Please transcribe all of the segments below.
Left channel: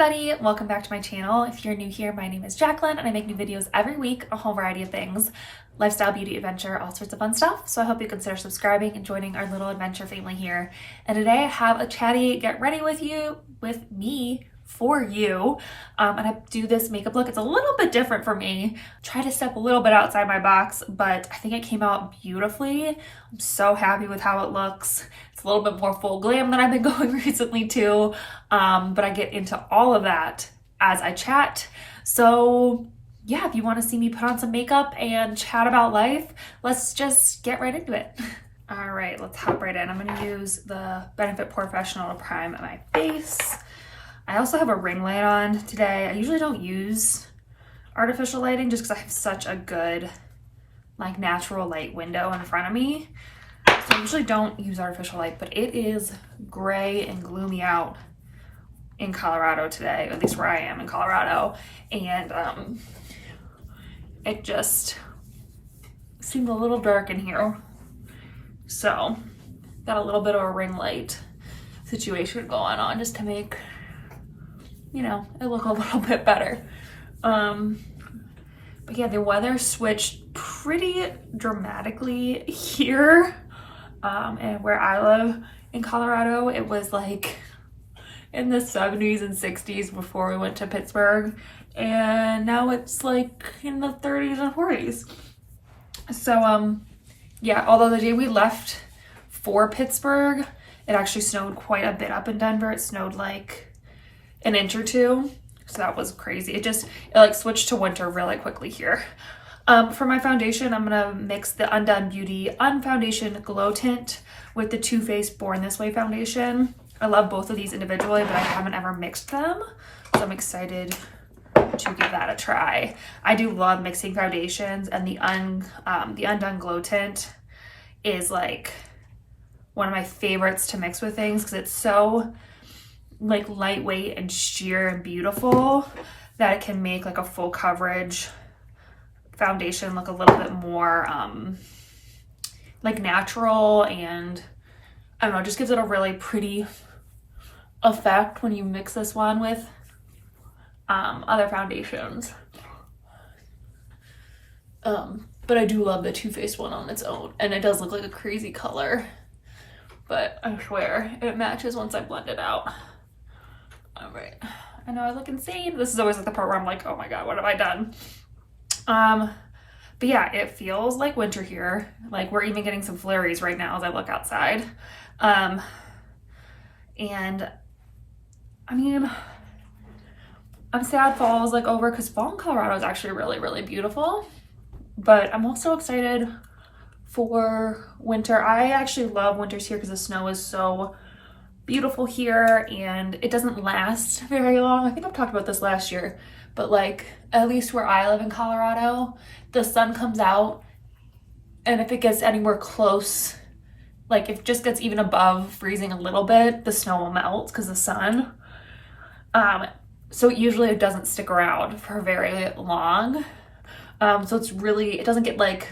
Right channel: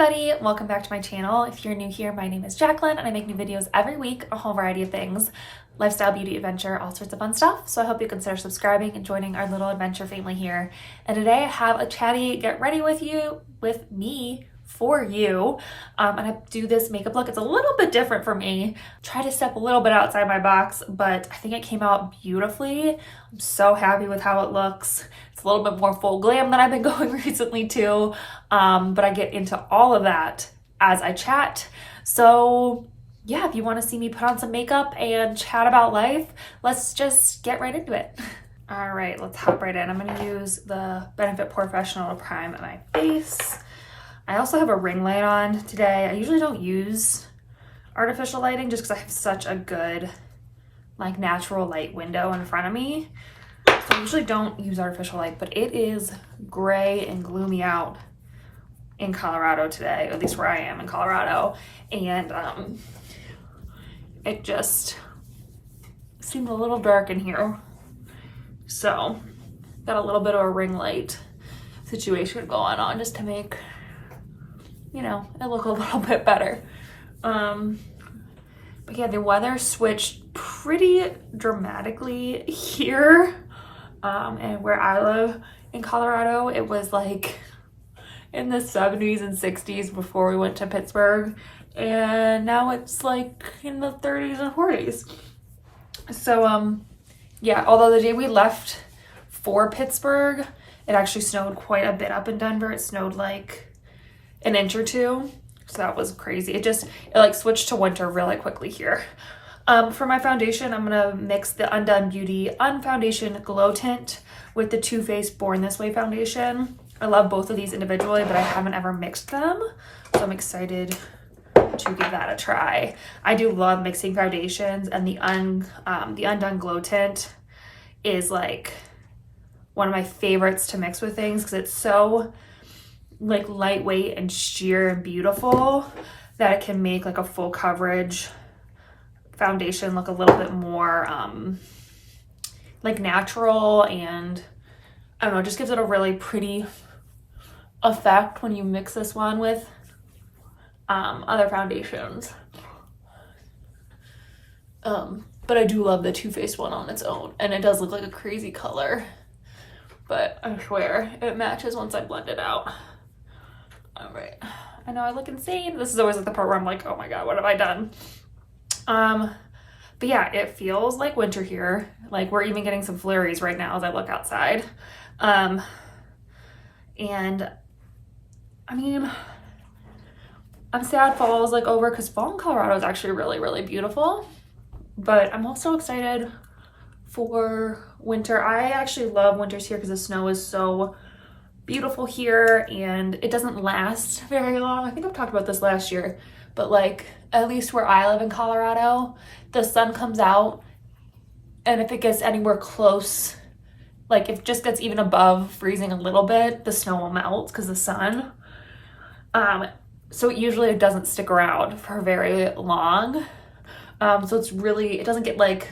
everybody, welcome back to my channel. If you're new here, my name is Jacqueline and I make new videos every week, a whole variety of things, lifestyle, beauty, adventure, all sorts of fun stuff. So I hope you consider subscribing and joining our little adventure family here. And today I have a chatty get ready with me for you. And I do this makeup look. It's a little bit different for me. Try to step a little bit outside my box, but I think it came out beautifully. I'm so happy with how it looks. It's a little bit more full glam than I've been going recently too. But I get into all of that as I chat. So yeah, if you want to see me put on some makeup and chat about life, let's just get right into it. All right, let's hop right in. I'm going to use the Benefit Professional to prime my face. I also have a ring light on today. I usually don't use artificial lighting just because I have such a good like natural light window in front of me. So I usually don't use artificial light, but it is gray and gloomy out in Colorado today, at least where I am in Colorado. And it just seemed a little dark in here. So got a little bit of a ring light situation going on just to make, you know, it look a little bit better. But yeah, the weather switched pretty dramatically here. And where I live in Colorado, it was like in the 70s and 60s before we went to Pittsburgh. And now it's like in the 30s and 40s. So, yeah, although the day we left for Pittsburgh, it actually snowed quite a bit up in Denver. It snowed like an inch or two. So that was crazy. It like switched to winter really quickly here. For my foundation, I'm gonna mix the Undone Beauty Unfoundation Glow Tint with the Too Faced Born This Way foundation. I love both of these individually, but I haven't ever mixed them. So I'm excited to give that a try. I do love mixing foundations, and the Undone Glow Tint is like one of my favorites to mix with things because it's so like lightweight and sheer and beautiful that it can make like a full coverage foundation look a little bit more like natural, and I don't know, it just gives it a really pretty effect when you mix this one with other foundations. But I do love the Too Faced one on its own, and it does look like a crazy color, but I swear it matches once I blend it out. All right, I know I look insane. This is always like the part where I'm like, oh my god, what have I done? But yeah, it feels like winter here. Like we're even getting some flurries right now as I look outside. And I mean, I'm sad fall is like over because fall in Colorado is actually really, really beautiful. But I'm also excited for winter. I actually love winters here because the snow is so beautiful here and it doesn't last very long. I think I've talked about this last year, but like at least where I live in Colorado, the sun comes out, and if it gets anywhere close, like if it just gets even above freezing a little bit, the snow will melt because of the sun. So usually it doesn't stick around for very long. So it's really, it doesn't get like,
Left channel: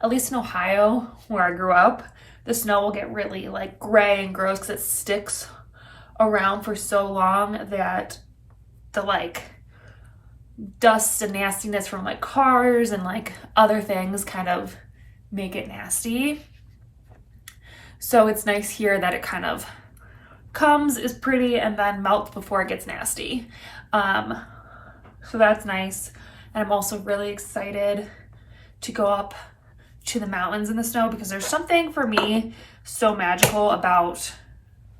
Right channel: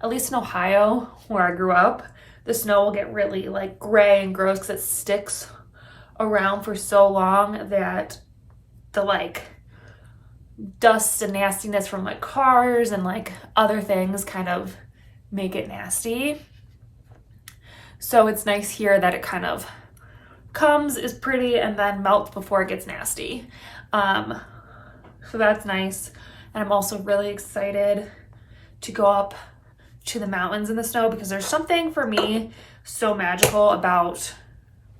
at least in Ohio where I grew up, the snow will get really like gray and gross because it sticks around for so long that the like dust and nastiness from like cars and like other things kind of make it nasty. So it's nice here that it kind of comes, is pretty, and then melts before it gets nasty. So that's nice. And I'm also really excited to go up to the mountains in the snow because there's something for me so magical about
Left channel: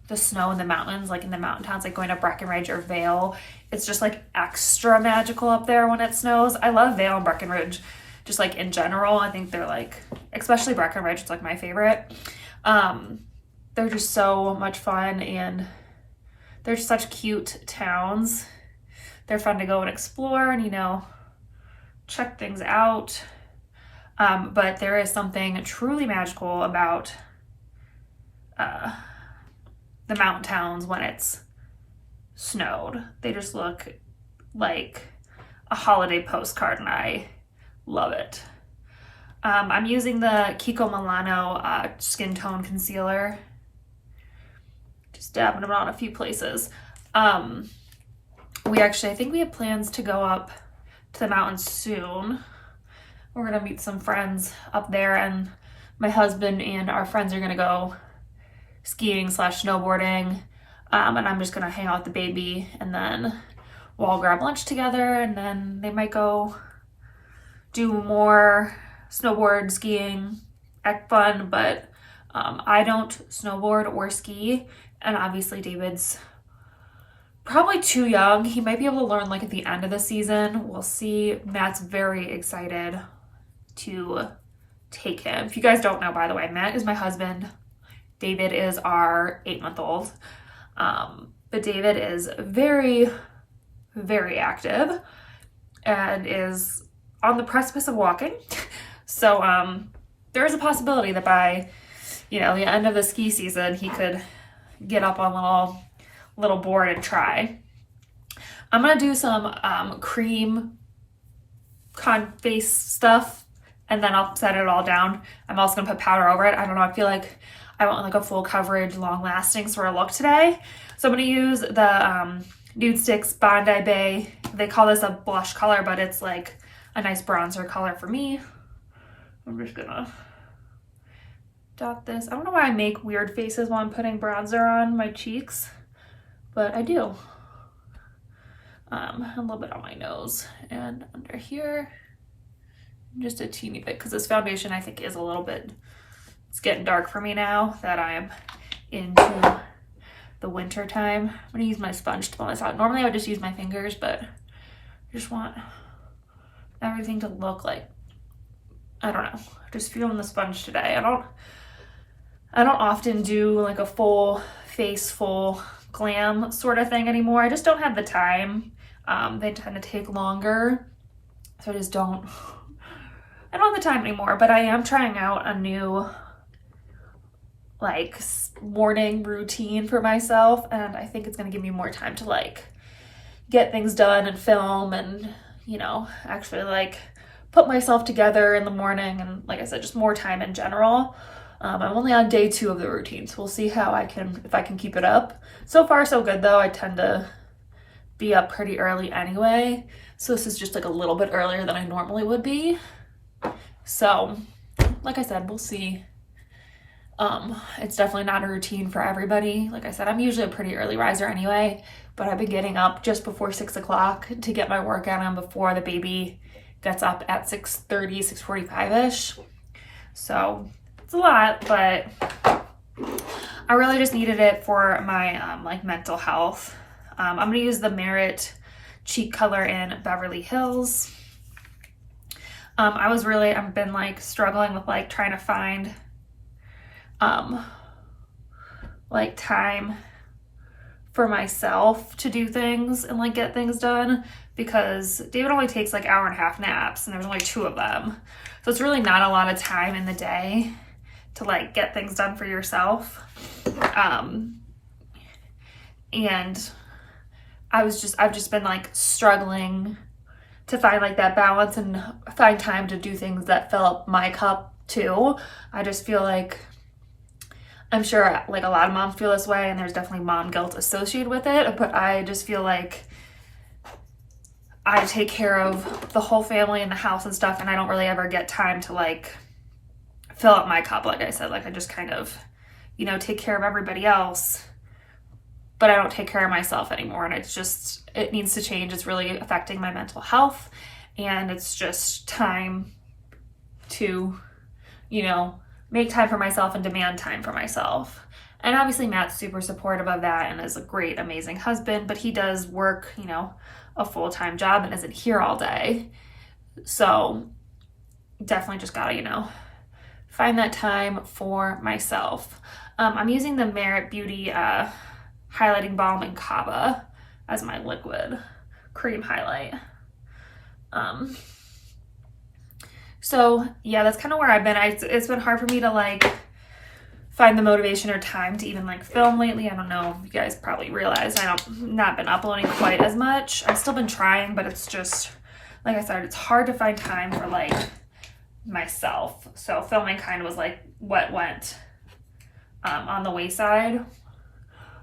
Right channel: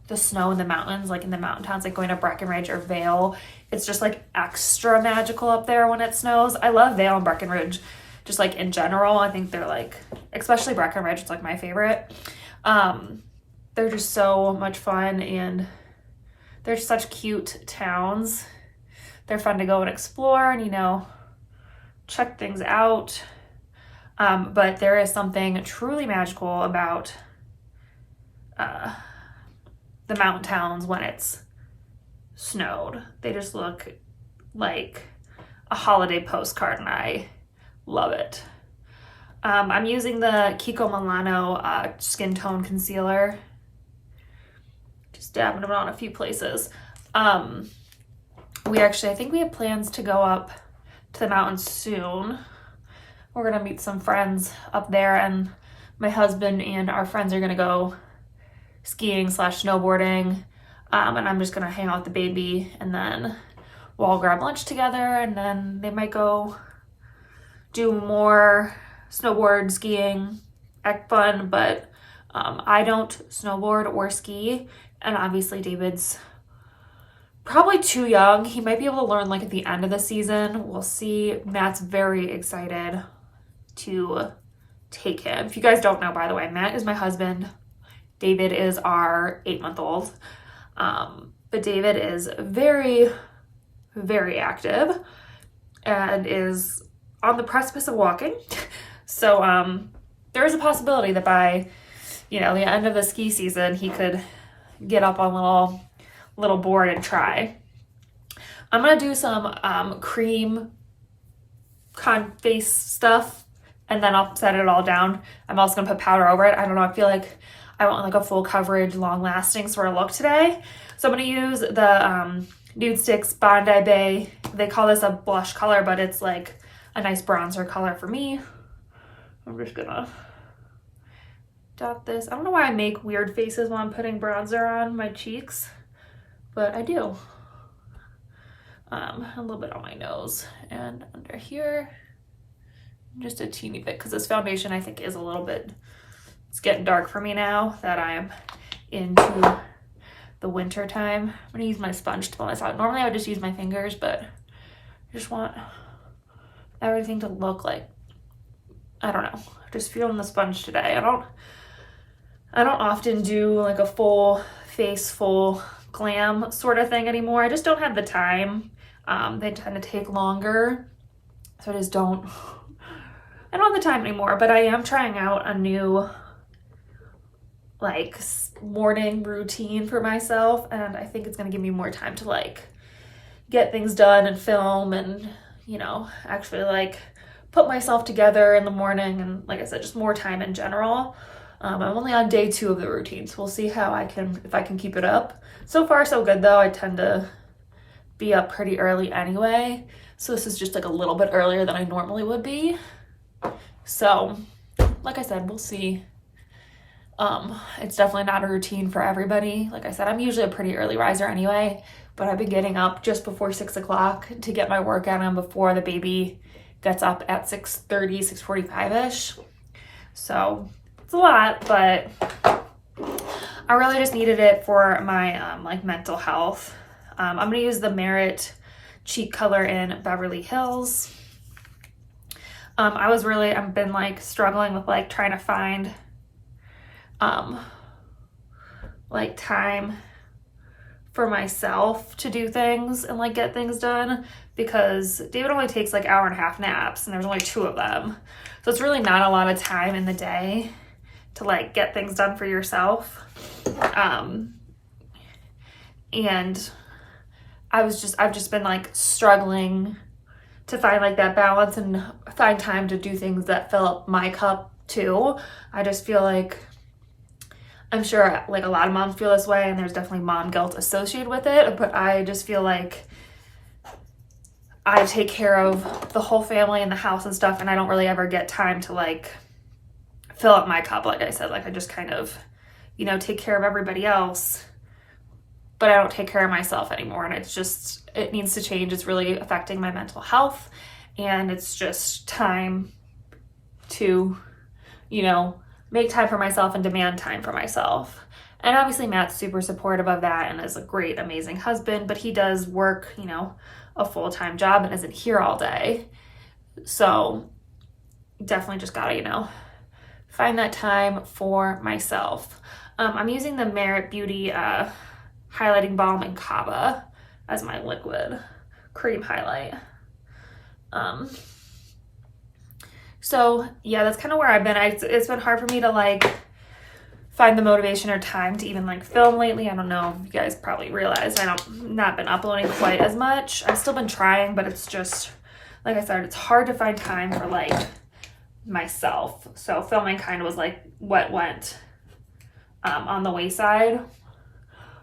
the snow in the mountains, like in the mountain towns, like going to Breckenridge or Vail. It's just like extra magical up there when it snows. I love Vail and Breckenridge, just like in general. I think they're like, especially Breckenridge, it's like my favorite. They're just so much fun and they're such cute towns. They're fun to go and explore and, you know, check things out. But there is something truly magical about the mountain towns when it's snowed. They just look like a holiday postcard and I love it. I'm using the Kiko Milano skin tone concealer. Just dabbing it on a few places. I think we have plans to go up to the mountains soon. We're gonna meet some friends up there, and my husband and our friends are gonna go skiing / snowboarding. And I'm just gonna hang out with the baby, and then we'll all grab lunch together, and then they might go do more snowboard, skiing, act fun, but I don't snowboard or ski, and obviously David's probably too young. He might be able to learn like at the end of the season. We'll see. Matt's very excited to take him. If you guys don't know, by the way, Matt is my husband. David is our 8-month-old. But David is very, very active and is on the precipice of walking. So there is a possibility that by, the end of the ski season, he could get up on little board and try. I'm gonna do some cream face stuff, and then I'll set it all down. I'm also gonna put powder over it. I don't know, I feel like I want like a full coverage, long lasting sort of look today. So I'm gonna use the Nude Sticks Bondi Bay. They call this a blush color, but it's like a nice bronzer color for me. I'm just gonna dot this. I don't know why I make weird faces while I'm putting bronzer on my cheeks, but I do. A little bit on my nose and under here, just a teeny bit, because this foundation I think is a little bit, it's getting dark for me now that I'm into the winter time. I'm gonna use my sponge to blend this out. Normally I would just use my fingers, but I just want everything to look like, I don't know, just feeling the sponge today. I don't often do like a full face, full glam sort of thing anymore. I just don't have the time. They tend to take longer, so I don't have the time anymore. But I am trying out a new like morning routine for myself, and I think it's gonna give me more time to like get things done and film and actually like put myself together in the morning, and like I said, just more time in general. I'm only on day 2 of the routine, so we'll see if I can keep it up. So far so good though. I tend to be up pretty early anyway, so this is just like a little bit earlier than I normally would be. So like I said, we'll see. It's definitely not a routine for everybody. Like I said, I'm usually a pretty early riser anyway, but I've been getting up just before 6 o'clock to get my workout on before the baby gets up at 6:30, 6:45-ish. So it's a lot, but I really just needed it for my like mental health. I'm gonna use the Merit Cheek Color in Beverly Hills. I've been like struggling with like trying to find like time for myself to do things and like get things done, because David only takes like 1.5 hour naps, and there's only 2 of them. So it's really not a lot of time in the day to like get things done for yourself. And I've just been like struggling to find like that balance and find time to do things that fill up my cup too. I just feel like, I'm sure like a lot of moms feel this way, and there's definitely mom guilt associated with it, but I just feel like I take care of the whole family and the house and stuff, and I don't really ever get time to like fill up my cup. Like I said, like I just kind of, take care of everybody else, but I don't take care of myself anymore. And it needs to change. It's really affecting my mental health, and it's just time to, make time for myself and demand time for myself. And obviously Matt's super supportive of that and is a great, amazing husband, but he does work, a full-time job and isn't here all day. So definitely just gotta, find that time for myself. I'm using the Merit Beauty Highlighting Balm in Kava as my liquid cream highlight. So yeah, that's kind of where I've been. It's been hard for me to like find the motivation or time to even like film lately. I don't know if you guys probably realize not been uploading quite as much. I've still been trying, but it's just, like I said, it's hard to find time for like myself. So filming kind of was like what went on the wayside.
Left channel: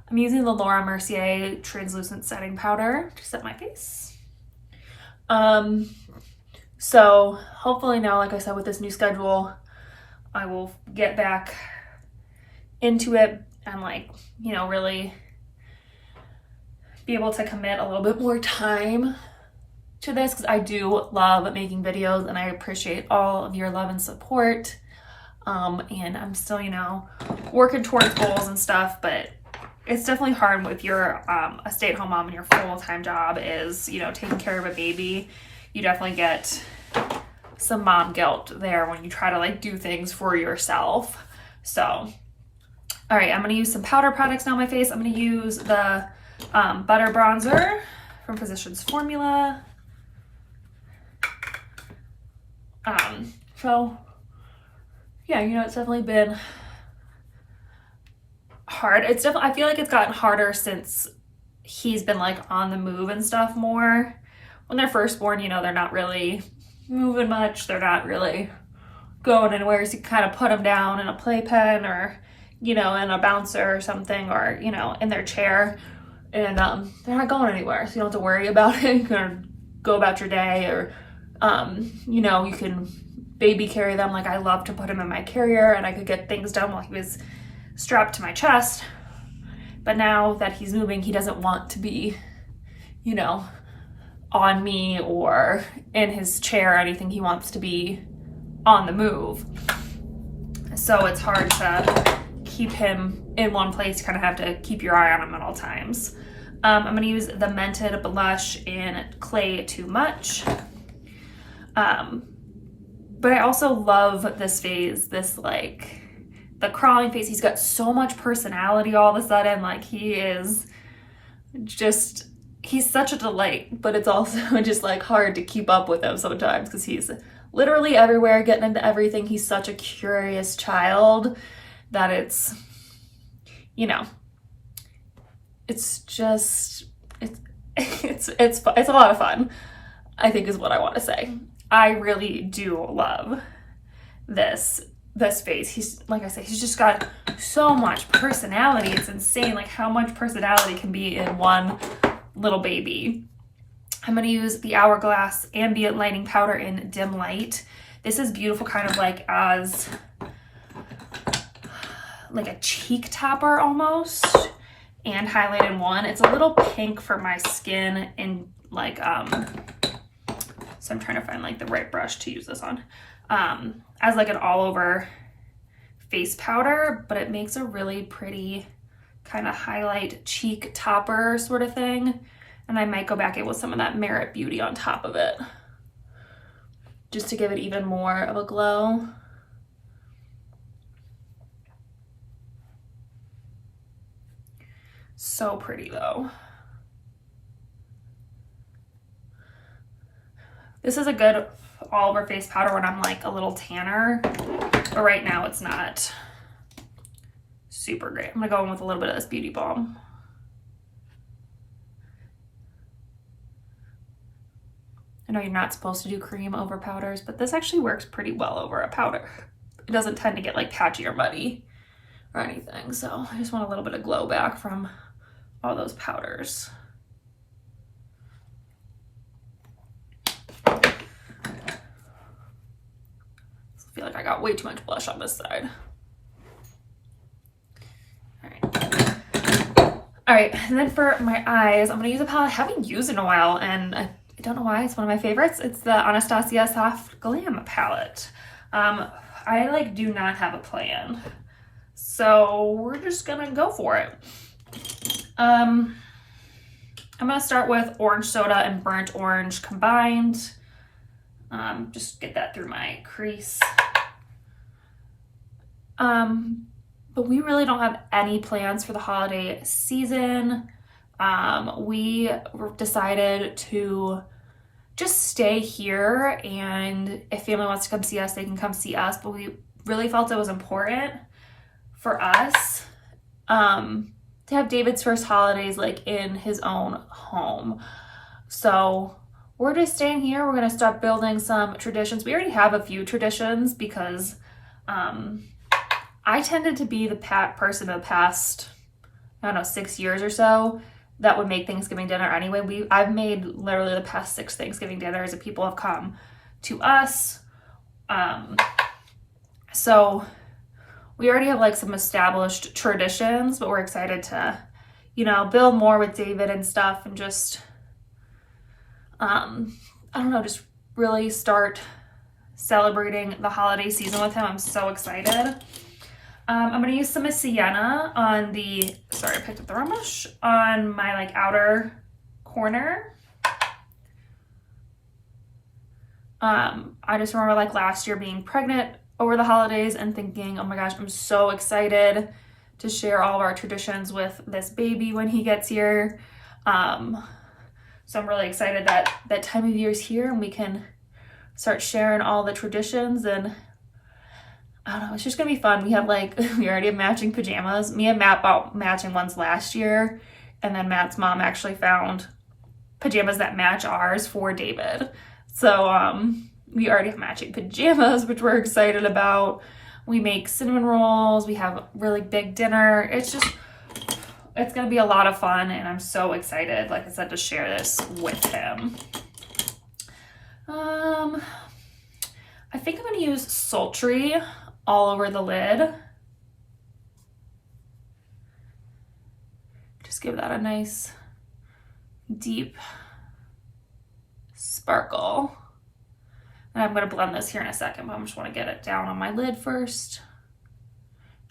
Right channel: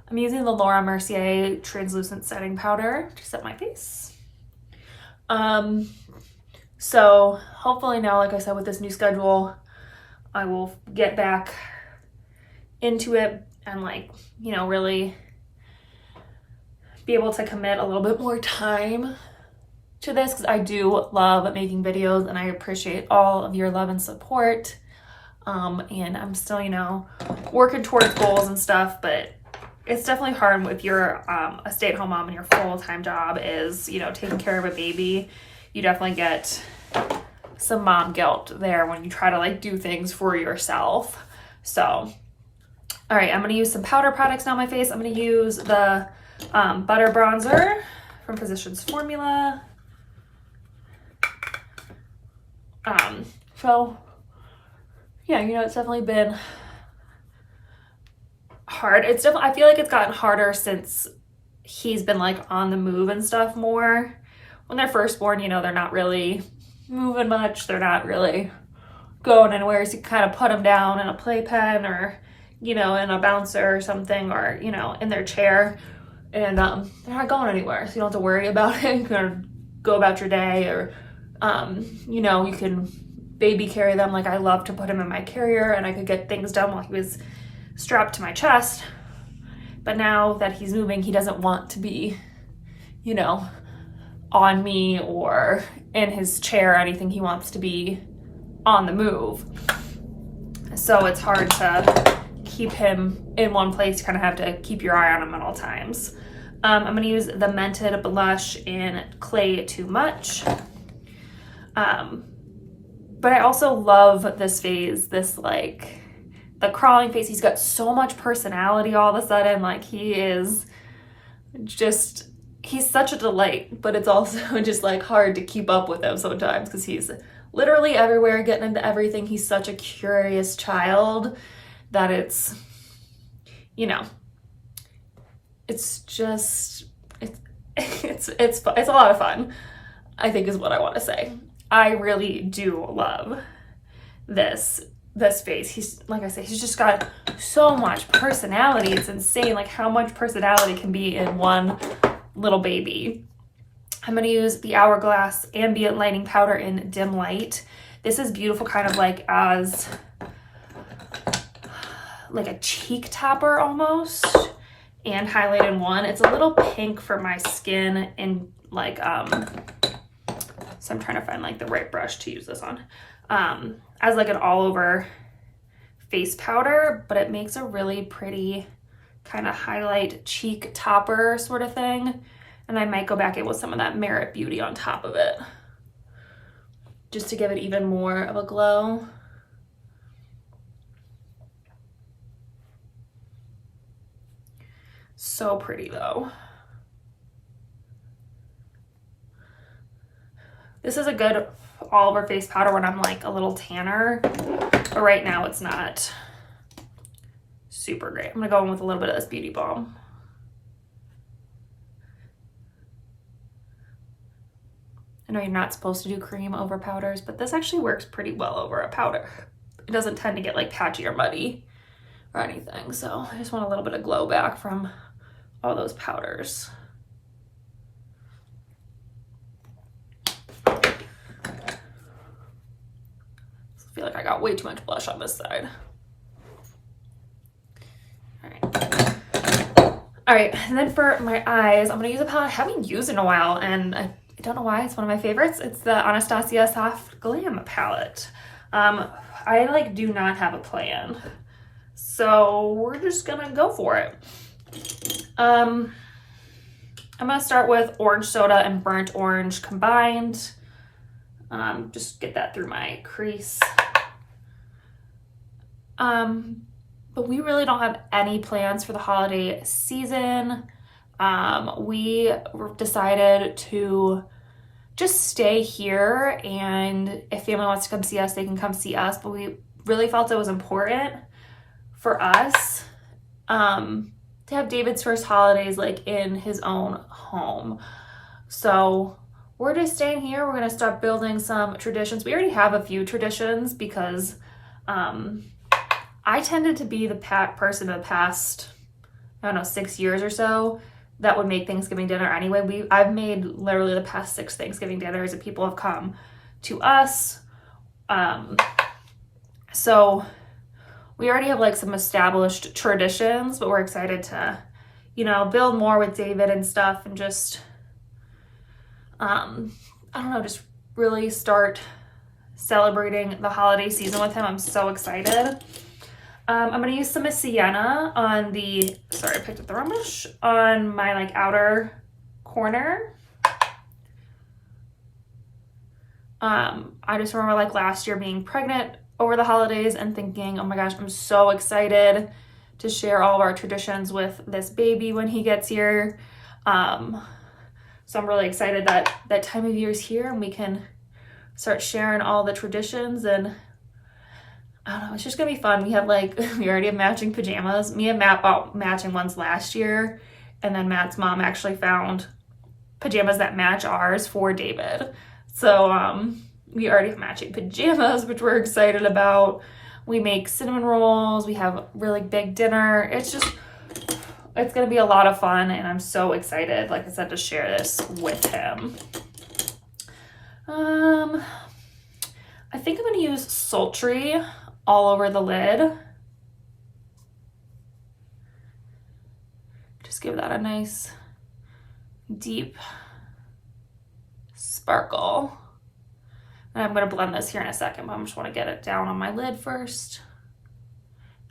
I'm using the Laura Mercier translucent setting powder to set my face. So hopefully now, like I said, with this new schedule, I will get back into it and like, you know, really be able to commit a little bit more time to this, because I do love making videos and I appreciate all of your love and support. And I'm still, you know, working towards goals and stuff, but it's definitely hard if you're a stay-at-home mom and your full-time job is, you know, taking care of a baby. You definitely get some mom guilt there when you try to like do things for yourself. So, all right, I'm gonna use some powder products now on my face. I'm gonna use the butter bronzer from Physicians Formula. So yeah, you know, it's definitely been hard. It's definitely, I feel like it's gotten harder since he's been like on the move and stuff more. When they're first born, you know, they're not really moving much. They're not really going anywhere. So you kind of put them down in a playpen or, you know, in a bouncer or something, or, you know, in their chair, and they're not going anywhere. So you don't have to worry about it. You can go about your day, or, you know, you can baby carry them. Like I love to put him in my carrier and I could get things done while he was strapped to my chest. But now that he's moving, he doesn't want to be, you know, on me or in his chair or anything. He wants to be on the move. So it's hard to keep him in one place. You kind of have to keep your eye on him at all times. I'm going to use the Mented Blush in Clay Too Much. But I also love this phase, this like the crawling face. He's got so much personality all of a sudden. Like he is just, he's such a delight, but it's also just like hard to keep up with him sometimes because he's literally everywhere, getting into everything. He's such a curious child that it's, you know, it's just, it's a lot of fun, I think is what I want to say. I really do love this face. He's, like I said, he's just got so much personality. It's insane like how much personality can be in one little baby. I'm going to use the Hourglass Ambient Lighting Powder in Dim Light. This is beautiful, kind of like as like a cheek topper almost, and highlight in one. It's a little pink for my skin, and like so I'm trying to find like the right brush to use this on, as like an all over face powder, but it makes a really pretty kind of highlight cheek topper sort of thing. And I might go back in with some of that Merit Beauty on top of it, just to give it even more of a glow. So pretty though. This is a good all over face powder when I'm like a little tanner, but right now it's not super great. I'm gonna go in with a little bit of this Beauty Balm. I know you're not supposed to do cream over powders, but this actually works pretty well over a powder. It doesn't tend to get like patchy or muddy or anything. So I just want a little bit of glow back from all those powders. I feel like I got way too much blush on this side. All right, and then for my eyes, I'm gonna use a palette I haven't used in a while, and I don't know why, it's one of my favorites. It's the Anastasia Soft Glam palette. I like do not have a plan, so we're just gonna go for it. I'm gonna start with Orange Soda and Burnt Orange combined. Just get that through my crease. But we really don't have any plans for the holiday season. We decided to just stay here, and if family wants to come see us, they can come see us. But we really felt it was important for us to have David's first holidays like in his own home. So we're just staying here. We're gonna start building some traditions. We already have a few traditions because I tended to be the person of past, I don't know, 6 years or so, that would make Thanksgiving dinner anyway. I've made literally the past 6 Thanksgiving dinners and people have come to us. So we already have like some established traditions, but we're excited to, you know, build more with David and stuff and just, I don't know, just really start celebrating the holiday season with him. I'm so excited. I'm going to use some sienna on the, sorry, I picked up the wrong brush, on my like outer corner. I just remember like last year being pregnant over the holidays and thinking, oh my gosh, I'm so excited to share all of our traditions with this baby when he gets here. So I'm really excited that that time of year is here and we can start sharing all the traditions, and I don't know, it's just gonna be fun. We have like, we already have matching pajamas. Me and Matt bought matching ones last year, and then Matt's mom actually found pajamas that match ours for David. So we already have matching pajamas, which we're excited about. We make cinnamon rolls. We have a really big dinner. It's gonna be a lot of fun, and I'm so excited, like I said, to share this with him. I think I'm gonna use Sultry all over the lid. Just give that a nice deep sparkle. And I'm gonna blend this here in a second, but I just wanna get it down on my lid first,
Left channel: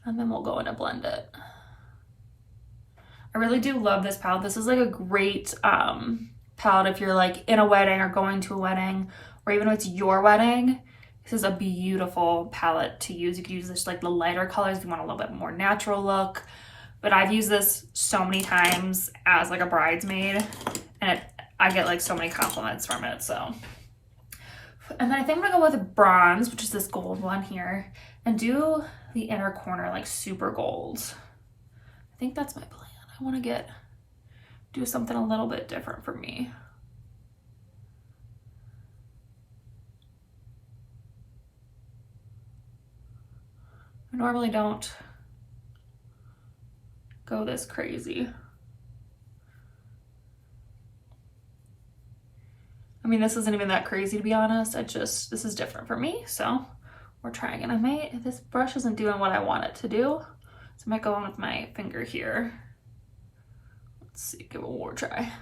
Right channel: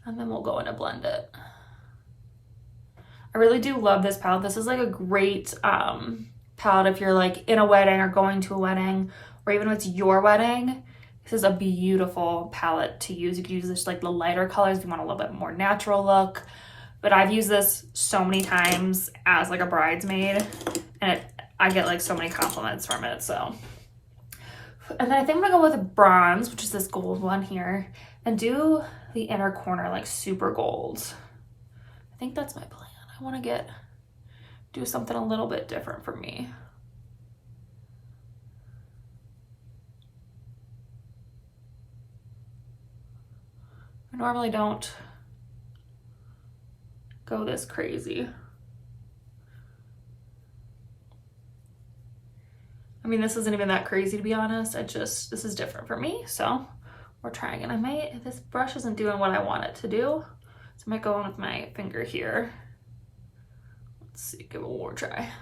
and then we'll go in and blend it. I really do love this palette. This is like a great palette if you're like in a wedding or going to a wedding, or even if it's your wedding. This is a beautiful palette to use. You can use this like the lighter colors if you want a little bit more natural look. But I've used this so many times as like a bridesmaid, and I get like so many compliments from it. So, and then I think I'm gonna go with bronze, which is this gold one here, and do the inner corner like super gold. I think that's my plan. I want to do something a little bit different for me. I normally don't go this crazy. I mean, this isn't even that crazy, to be honest. This is different for me, so we're trying it. This brush isn't doing what I want it to do, so I might go in with my finger here. Let's see, give it one more try.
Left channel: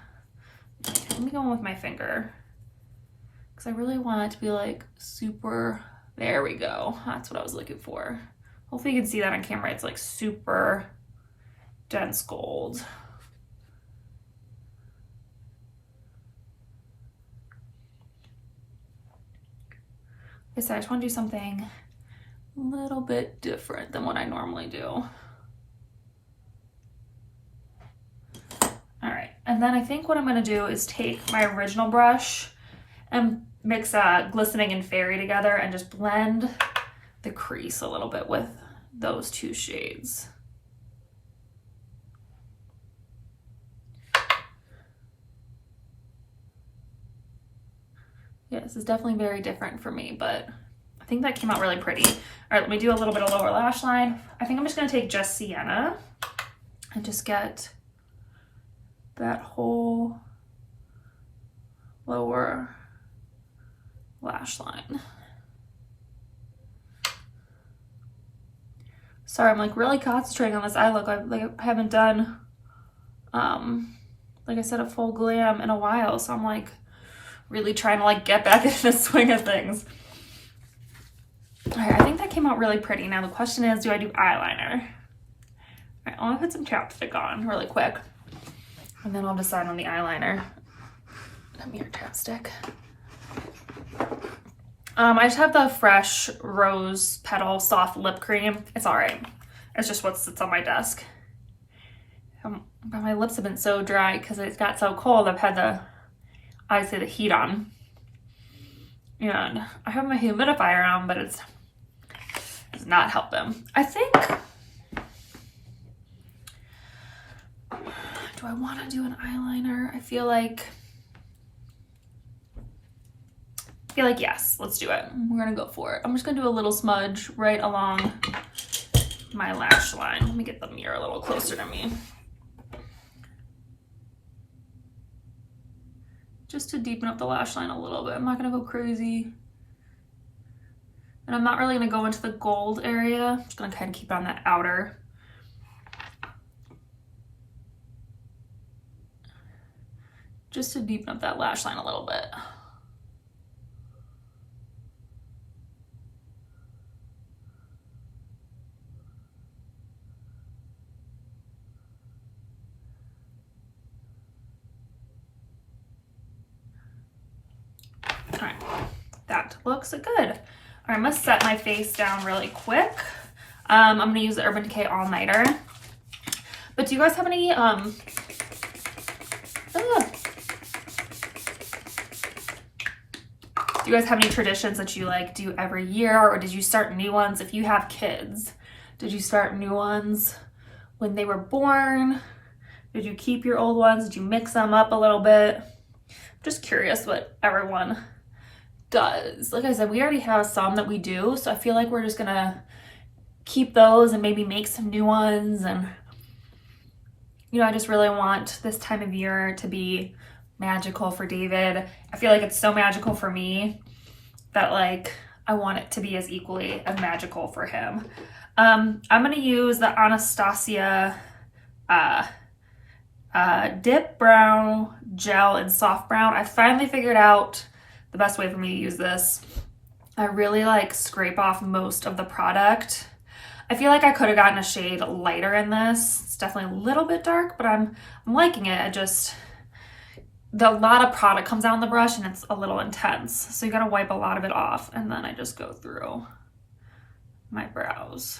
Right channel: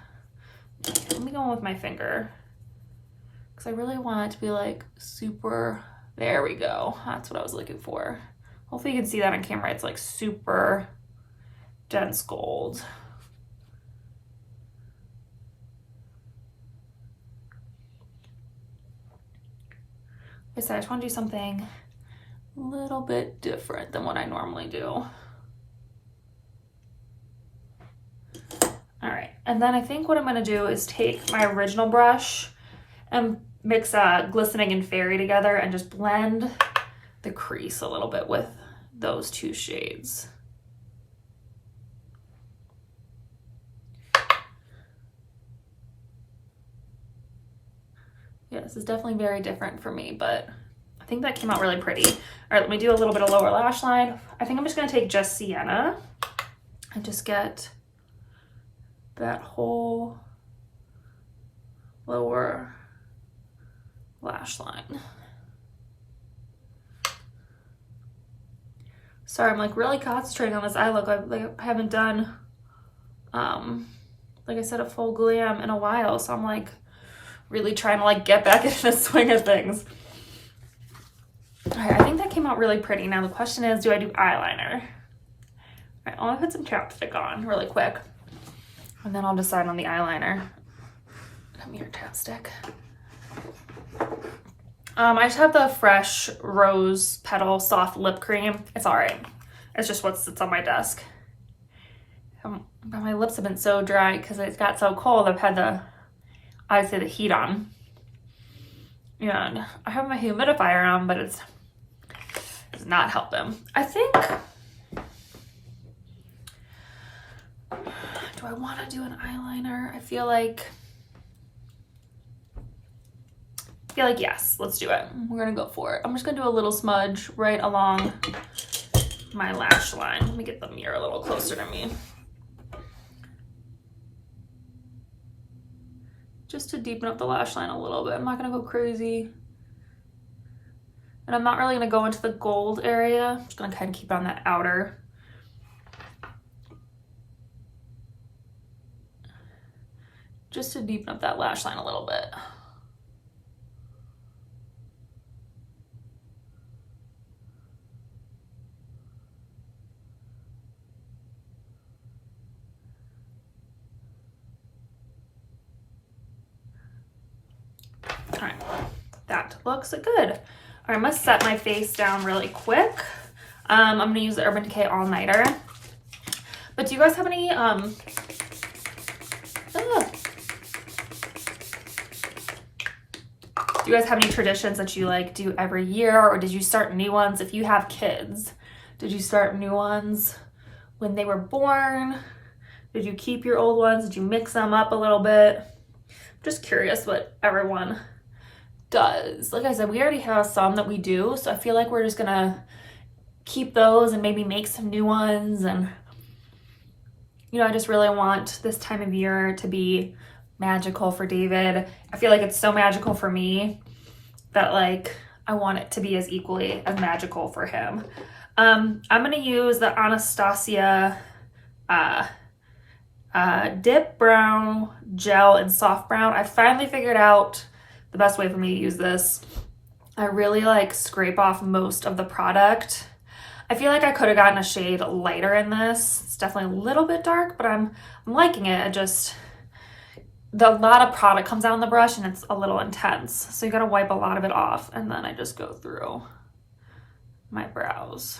Let me go in with my finger, because I really want it to be like super, there we go. That's what I was looking for. Hopefully you can see that on camera. It's like super dense gold. Like I said, I just want to do something a little bit different than what I normally do. All right, and then I think what I'm gonna do is take my original brush and mix Glistening and Fairy together and just blend the crease a little bit with those two shades. Yeah, this is definitely very different for me, but I think that came out really pretty. All right, let me do a little bit of lower lash line. I think I'm just gonna take just sienna and just get that whole lower lash line. Sorry, I'm like really concentrating on this eye look. I haven't done, like I said, a full glam in a while. So I'm like really trying to like get back into the swing of things. All right, I think that came out really pretty. Now the question is, do I do eyeliner? All right, I want to put some chapstick on really quick, and then I'll decide on the eyeliner. Come here, chapstick. I just have the Fresh Rose Petal Soft Lip Cream. It's all right. It's just what sits on my desk. But my lips have been so dry because it got so cold. I've had the heat on. And I have my humidifier on, but it's not helping. I think, do I want to do an eyeliner? I feel like yes, let's do it. We're gonna go for it. I'm just gonna do a little smudge right along my lash line. Let me get the mirror a little closer to me. just to deepen up the lash line a little bit. I'm not gonna go crazy. And I'm not really gonna go into the gold area. I'm just gonna kind of keep on that outer. Just to deepen up that lash line a little bit. All right, that looks good. All right, I'm gonna set my face down really quick. I'm gonna use the Urban Decay All Nighter. But do you guys have any, do you guys have any traditions that you like do every year, or did you start new ones? If you have kids, did you start new ones when they were born? Did you keep your old ones? Did you mix them up a little bit? Just curious what everyone does. Like I said, we already have some that we do, so I feel like we're just gonna keep those and maybe make some new ones. And you know, I just really want this time of year to be magical for David. I feel like it's so magical for me that like I want it to be as equally as magical for him. I'm gonna use the Anastasia Dip Brown Gel in Soft Brown. I finally figured out the best way for me to use this. I really like scrape off most of the product. I feel like I could have gotten a shade lighter in this. It's definitely a little bit dark, but I'm liking it. A lot of product comes out on the brush and it's a little intense. So you gotta wipe a lot of it off, and then I just go through my brows.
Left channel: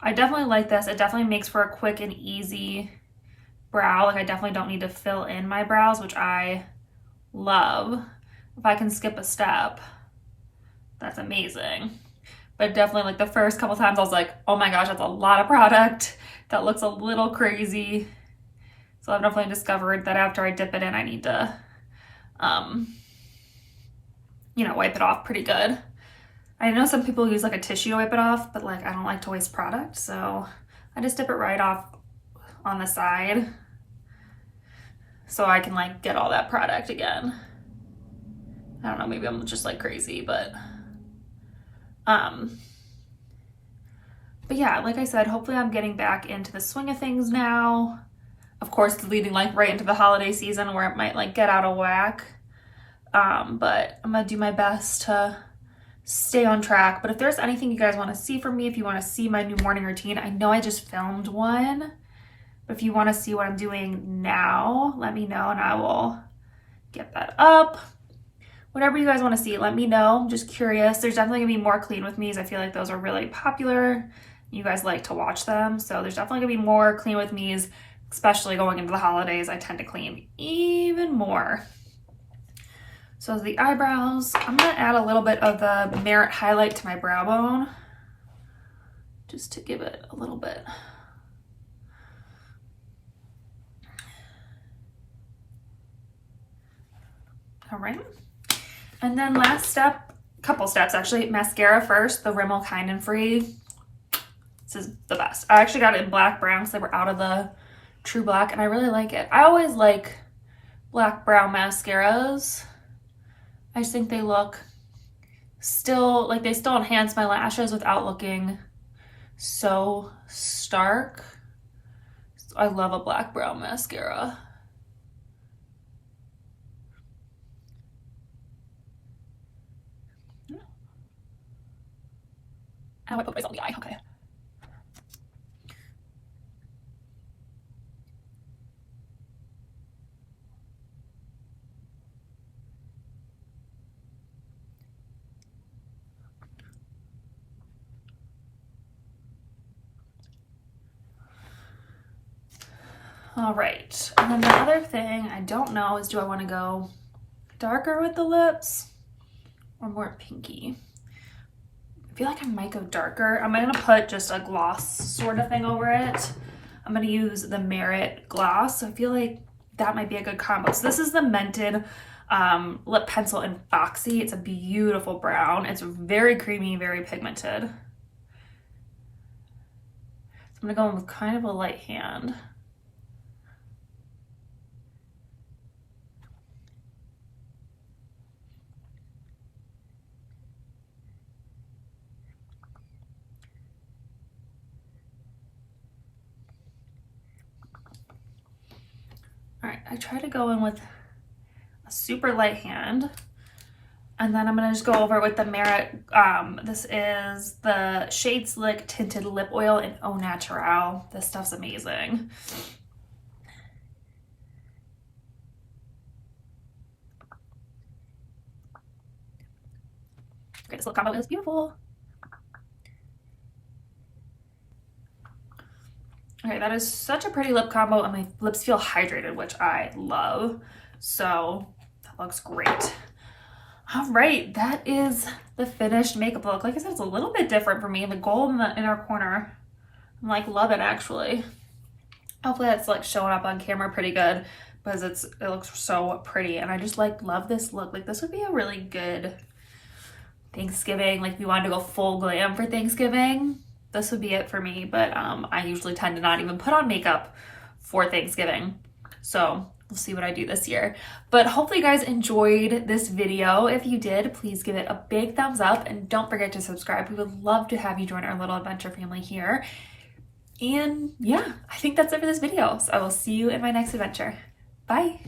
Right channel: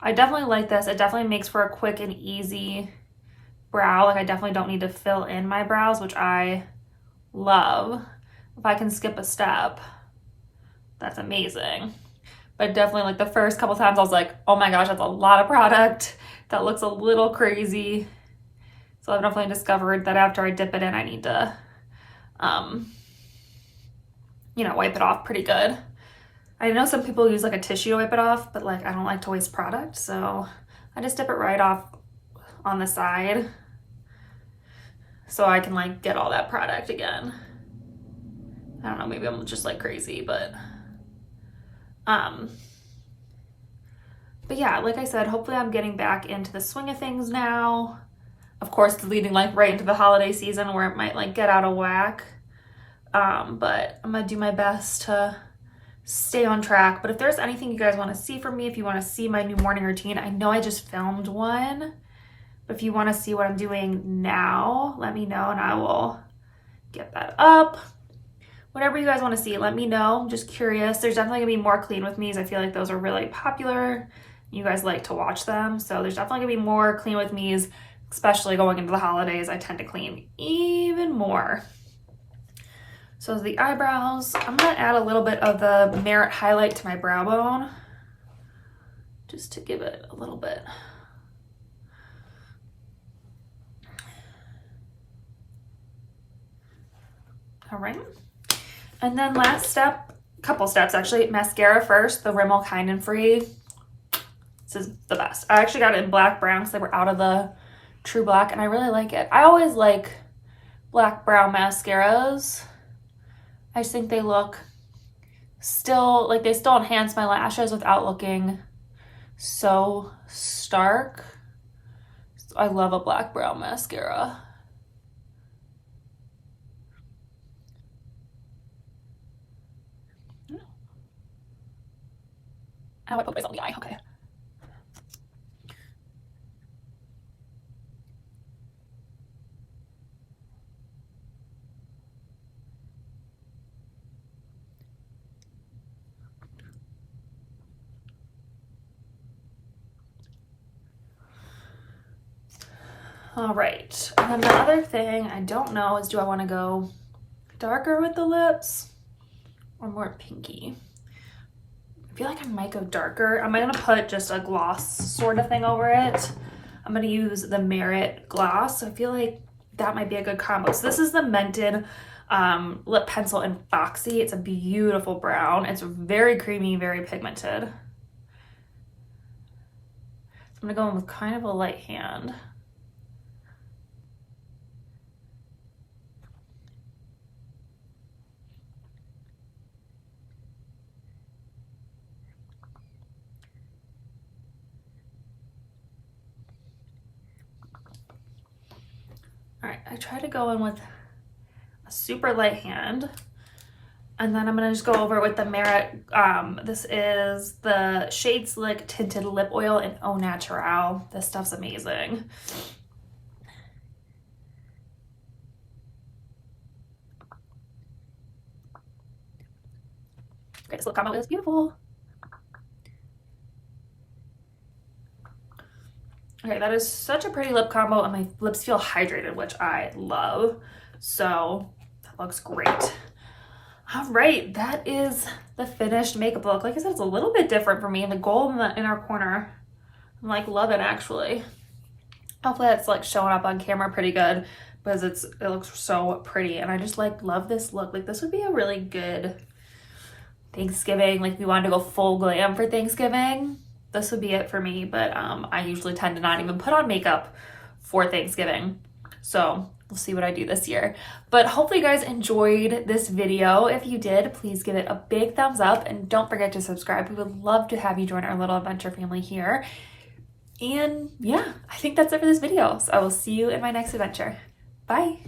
I definitely like this. It definitely makes for a quick and easy brow. Like I definitely don't need to fill in my brows, which I love. If I can skip a step, that's amazing. But definitely like the first couple times I was like, oh my gosh, that's a lot of product. That looks a little crazy. So I've definitely discovered that after I dip it in, I need to, you know, wipe it off pretty good. I know some people use like a tissue to wipe it off, but like I don't like to waste product. So I just dip it right off on the side so I can like get all that product again. I don't know, maybe I'm just like crazy, but yeah, like I said, hopefully I'm getting back into the swing of things now. Of course, it's leading like right into the holiday season where it might like get out of whack. But I'm gonna do my best to stay on track. But if there's anything you guys want to see from me, if you want to see my new morning routine, I know I just filmed one. But if you want to see what I'm doing now, let me know and I will get that up. Whatever you guys want to see, let me know. I'm just curious. There's definitely gonna be more clean with me's. I feel like those are really popular. You guys like to watch them. So there's definitely gonna be more clean with me's, especially going into the holidays. I tend to clean even more. So the eyebrows, I'm gonna add a little bit of the Merit highlight to my brow bone, just to give it a little bit. All right. And then last step, couple steps actually, mascara first, the Rimmel Kind and Free. This is the best. I actually got it in black brown because they were out of the True Black and I really like it. I always like black brown mascaras. I just think they look still, like they still enhance my lashes without looking so stark. So I love a black brown mascara. Oh, I put this on the eye, okay. All right, and then the other thing I don't know is, do I want to go darker with the lips or more pinky? I feel like I might go darker. I'm gonna put just a gloss sort of thing over it. I'm gonna use the Merit gloss. So I feel like that might be a good combo. So this is the Mented lip pencil in Foxy. It's a beautiful brown. It's very creamy, very pigmented. I'm gonna go in with kind of a light hand. I try to go in with a super light hand. And then I'm gonna just go over with the Merit, this is the Shade Slick Tinted Lip Oil in Au Naturel. This stuff's amazing. Okay, this lip combo is beautiful. Okay, that is such a pretty lip combo, and my lips feel hydrated, which I love. So that looks great. All right, that is the finished makeup look. Like I said, it's a little bit different for me. The gold in the inner corner, I'm like loving actually. Hopefully that's like showing up on camera pretty good because it looks so pretty, and I just like love this look. Like this would be a really good Thanksgiving. Like if you wanted to go full glam for Thanksgiving, this would be it for me. But I usually tend to not even put on makeup for Thanksgiving. So we'll see what I do this year. But hopefully you guys enjoyed this video. If you did, please give it a big thumbs up and don't forget to subscribe. We would love to have you join our little adventure family here. And yeah, I think that's it for this video. So I will see you in my next adventure. Bye.